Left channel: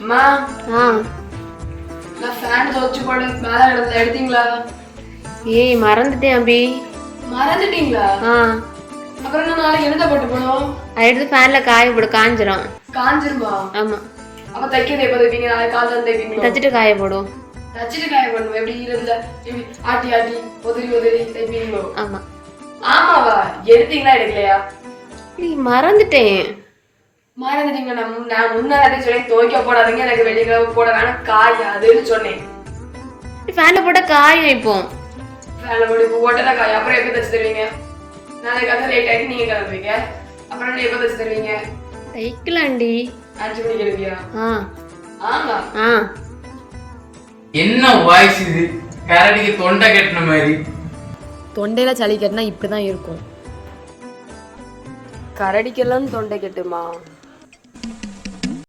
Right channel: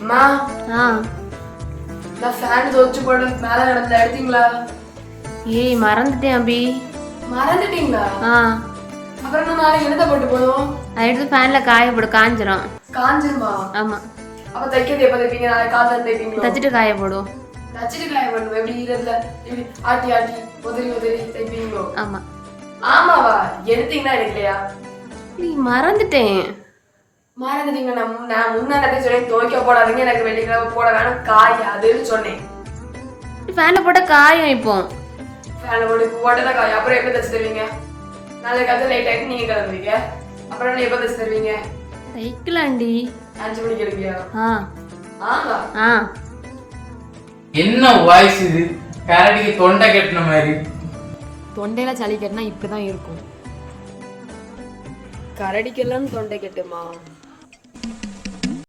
அம்மா நான் ஃபேன் தோச்சு போடு மேல கடந்தல எடுத்தீங்களா? ஏய் மறந்துட்டேன் அபி. மறந்துட்டீங்களா? அப்புறம் நான் நாளைக்கு எழுத போட்டு போடுவோம். அதை எடுத்து ஃபேன்ல காய போடு, காஞ்சிரும். காஞ்சிருமா? ஆமா. அப்ப தைக்கிறது எப்ப தைப்பீங்க? நாளைக்கு காலைல தைப்பீங்களா? தச்சிட்டு காய போடுவோம். தச்சிட்டு காய போடுவோம். எப்படி ஈரத்துல எப்படி ஆட்டி ஆட்டி உதிரி உதிரி தைப்பீங்களோ? ஆமா. ஆமாவா? எடுத்தீங்களா எடுக்கலையா? ஏய் மறந்துட்டேன். மறந்துட்டீங்க. நான் முன்னாடி சொன்னேன் துவைக்க போடாதீங்க, எனக்கு வெளிக்கிழமை போட வேணாம் காயாதுன்னு சொன்னேன். ஃபேன்ல போட்ட காயம் இப்போ. ஃபேன்ல போட்டு போட்டா காய். அப்புறம் எப்ப தச்சு தருவீங்க? நாளைக்கு காலைல லேட் ஆயிட்டு நீங்க கிளம்புவீங்க. அப்புறம் எப்ப தச்சு தருவீங்க? தைக்கலாண்டி. 5 மணிக்கு எழுப்பியா? ஆமா. என்ன வாய்ஸ் இது? கரடிக்கு தொண்டை கட்டின மாதிரி. தொண்டையில சளி கட்டினா இப்படிதான் இருக்கும். கரடிக்கெல்லாம் தொண்டை கட்டுமா?